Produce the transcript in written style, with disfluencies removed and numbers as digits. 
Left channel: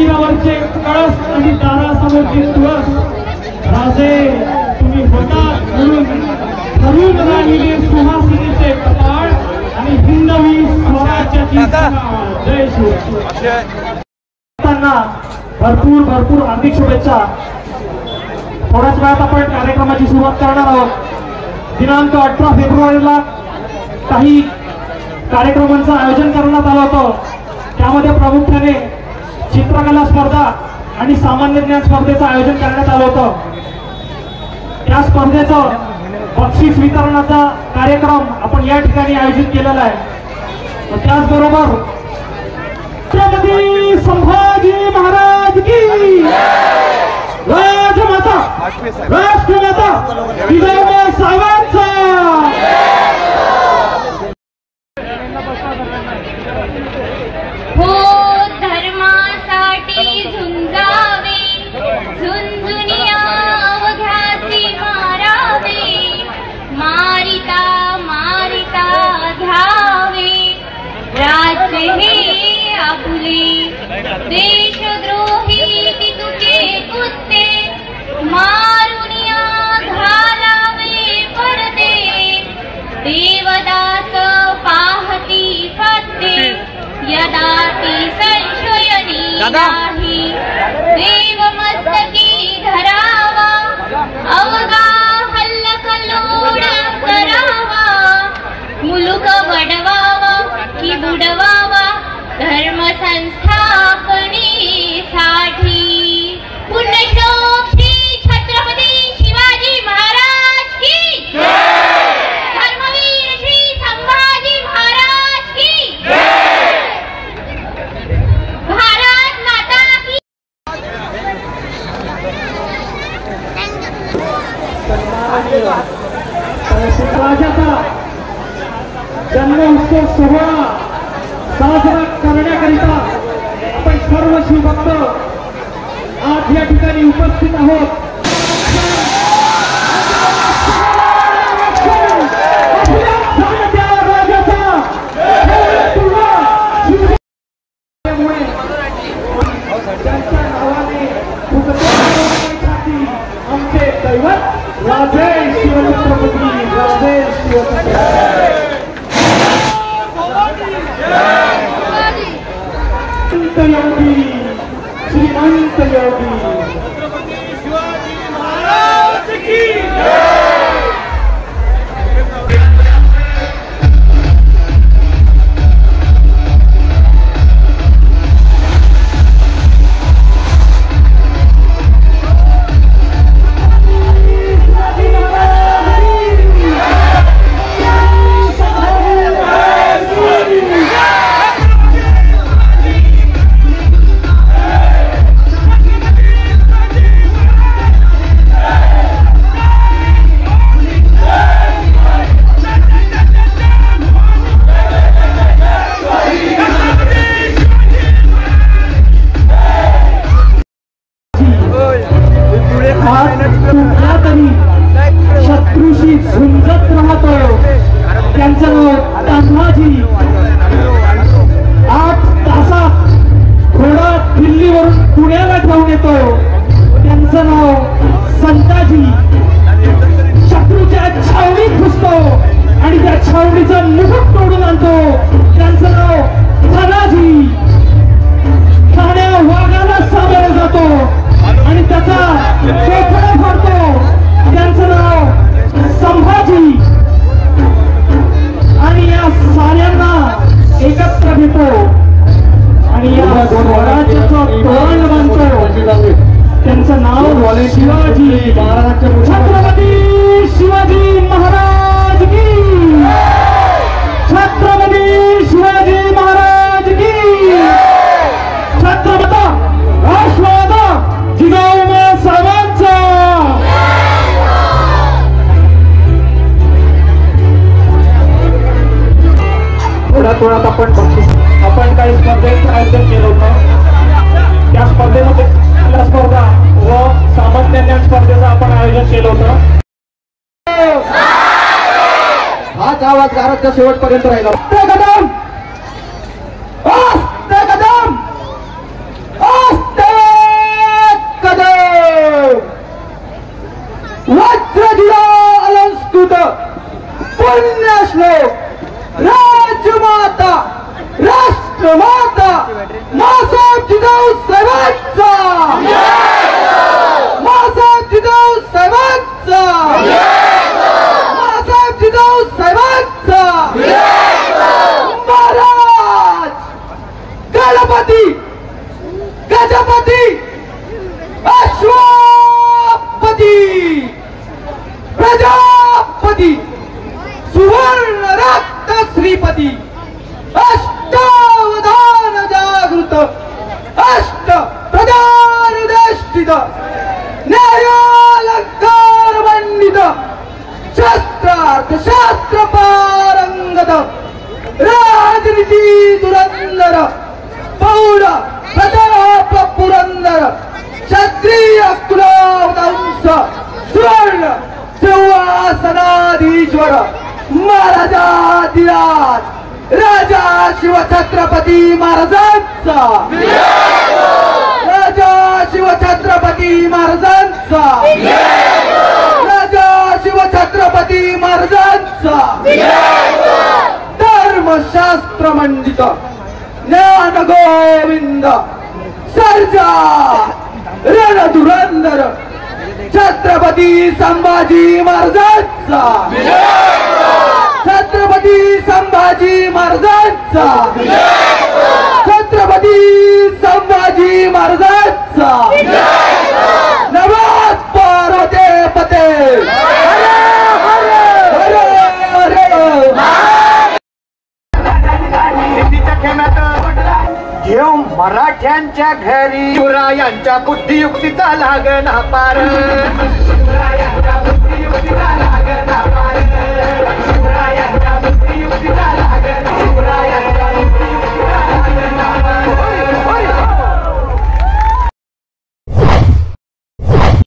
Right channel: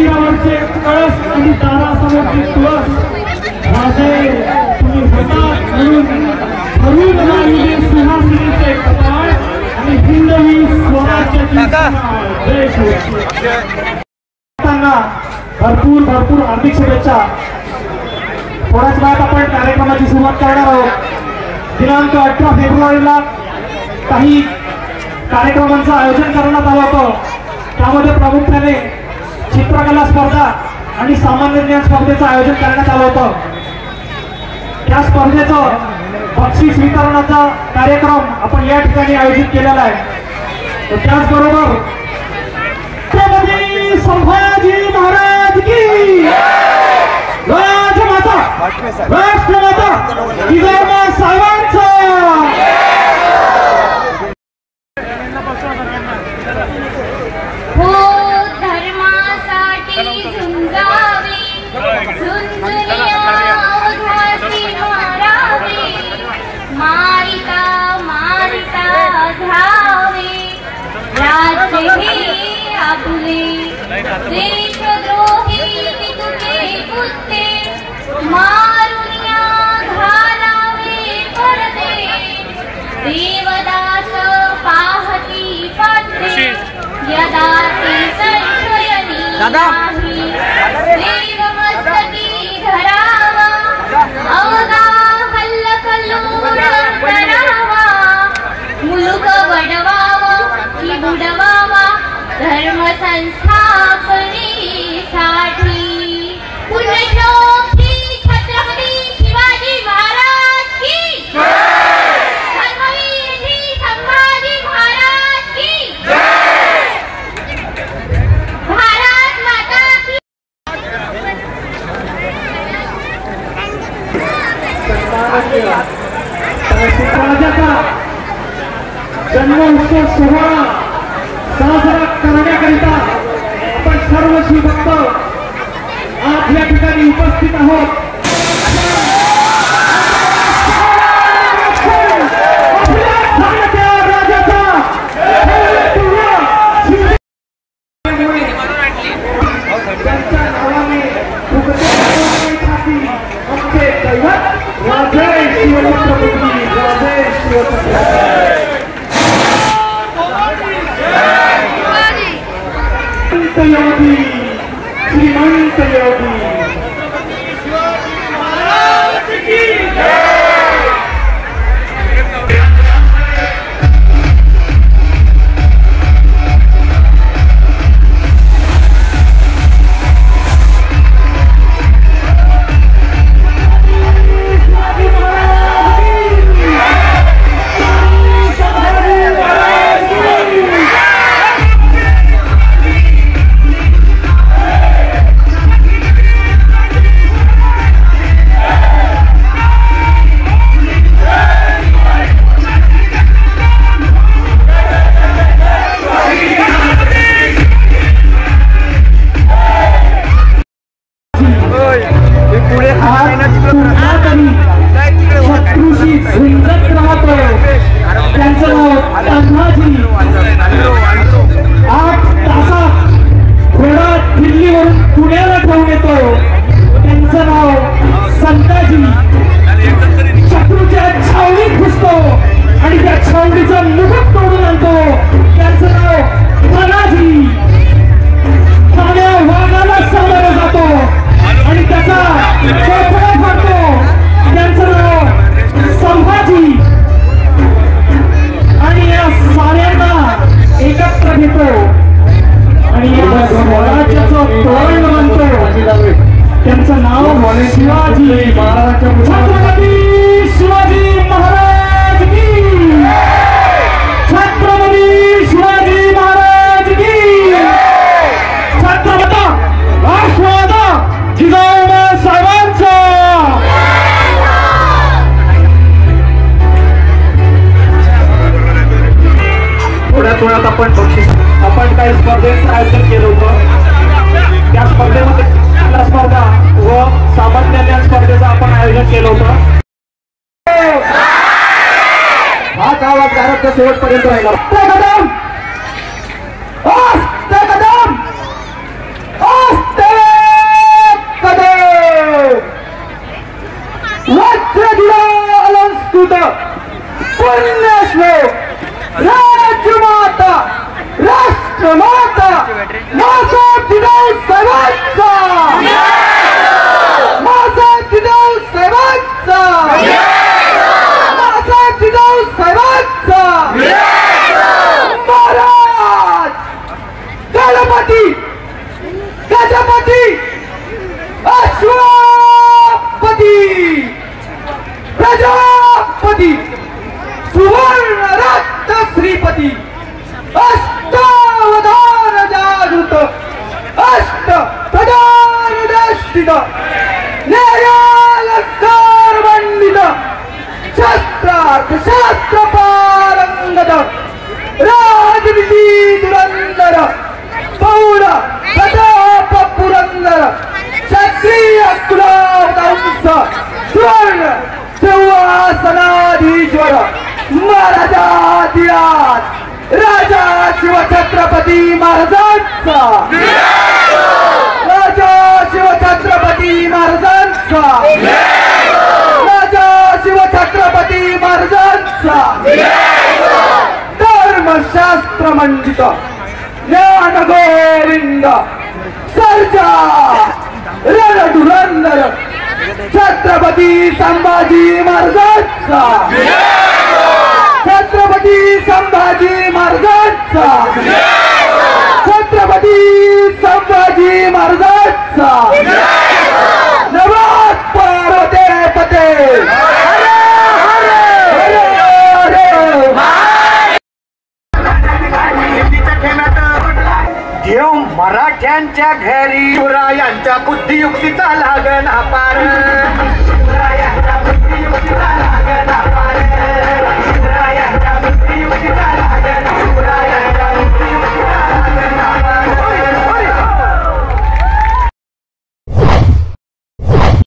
मंदिरावरचे कळस आणि दारासमोरचे तुळस राजे तुम्ही होतात म्हणून ठरवून राहिलेले सुहासिनीचे कपाळ आणि हिंदवी स्वराज्याची जय शिवरायांना भरपूर भरपूर हार्दिक शुभेच्छा। थोड्याच वेळात आपण कार्यक्रमाची सुरुवात करणार आहोत। दिनांक 18 फेब्रुवारीला काही कार्यक्रमांचं आयोजन करण्यात आलं होतं। त्यामध्ये प्रामुख्याने चित्रकला स्पर्धा आणि सामान्य ज्ञान स्पर्धेचं आयोजन करण्यात आलं होतं। त्या स्पर्धेचं बक्षीस वितरणाचा कार्यक्रम आपण या ठिकाणी आयोजित केलेला आहे। त्याचबरोबर छत्रपती संभाजी महाराज की राजमाता राष्ट्रमाता जिजाऊ साहेबांचा हो धर्मासाठी झुंजावे झुंजुनिया ध्यासी मारावे मारिता मारिता धावे राज्य हे आपले देशद्रोही तुझे कुत्ते मारुनिया घालावे पडदे देवदास पाहती पाहते यदा ती संशयनी नाही देवमस्तकी धरावा अवगा कल्लोळ करावा मुलुक वडवावा की बुडवावा धर्म संस्थापनेसाठी पुण्यश्लोक श्री छत्रपती शिवाजी महाराज की जय धर्मवीर श्री संभाजी महाराज की जय भारत माता की राजाचा जन्मोत्सव सोहळा साजरा करण्याकरिता आपण सर्व शिवभक्त आज या ठिकाणी उपस्थित आहोत। थोड्यात आपण बक्षीस आपण काही स्पर्धेचं आयोजन केलं होतं। त्या स्पर्धेमध्ये स्पर्धा व सामान्य ज्ञान स्पर्धेचं आपण आयोजन केलं होतं। हाच आवाज गाण्याच्या शेवटपर्यंत राहिला। कदम राष्ट्रमाता मासाहेब जिजाऊ साहेबांचा मासाहेब जिजाऊ साहेबांचा मासाहेब जिजाऊ साहेबांचा महाराज गणपती गजपती अश्वपती प्रजापती सुवर्ण रक्त श्रीपती अष्टावधान जागृत अष्ट प्रधानष्टित न्यायालंकार मंडित शस्त्रार्थ शास्त्र पारंगत राजनीती धुरंधर पौर प्रताप पुरंदर क्षत्रिय कुलावंश स्वर्ण सिंहासनाधीश्वर महाराजाधिराज राजा शिव छत्रपती महाराजांचा राजा शिव छत्रपती महाराजांचा राजा शिव छत्रपती महाराजांचा धर्मशास्त्र मंडित ज्ञान गोविंद सर्जा रणधुरंधर छत्रपती संभाजी महाराजांचा छत्रपती संभाजी महाराजांचा छत्रपती संभाजी महाराजांचा नमः पार्वते पते देव मराठ्यांच्या घरी शिवरायांच्या बुद्धियुक्तीचा लागण हा पार